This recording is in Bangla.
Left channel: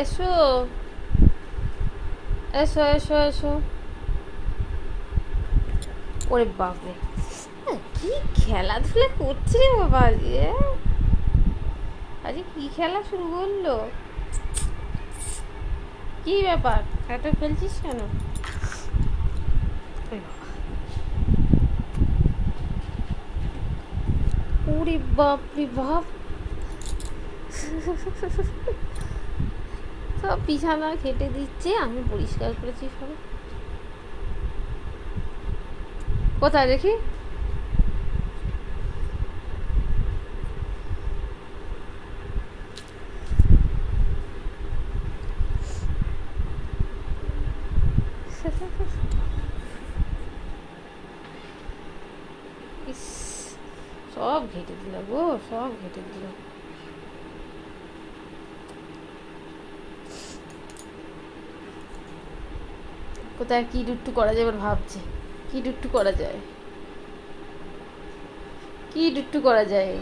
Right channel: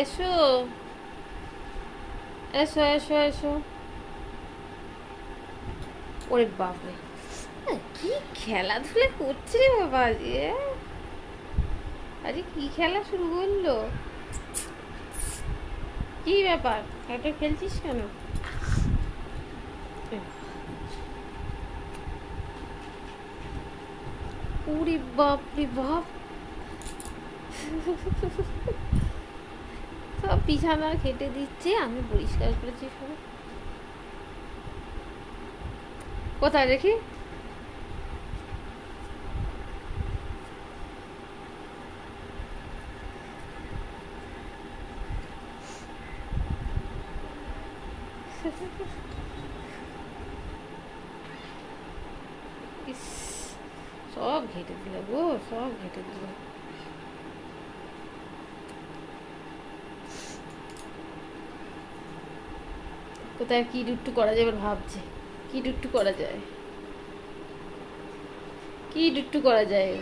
এসো এসো এসো এসো। ওরে বাপরে, কি খেলাধুলা করছে রে বাবা আজকে। আজকে কি খেলা শুরু করলো? কি ব্যাপার, এত খেলছিস কেন? ওরে বাপ রে বাপ, সব বিছানা কেটে দিচ্ছে, আমি পরিষ্কার করেছি সব। কোথায় দেখি? ইস, সব ঘেটে দিল গো, সব ঘেটে দিল। কোথায় কি দুট্টু করা যায় এবার ভাবছে, কি দুট্টু করা যায়, কি দুট্টু করা যায়।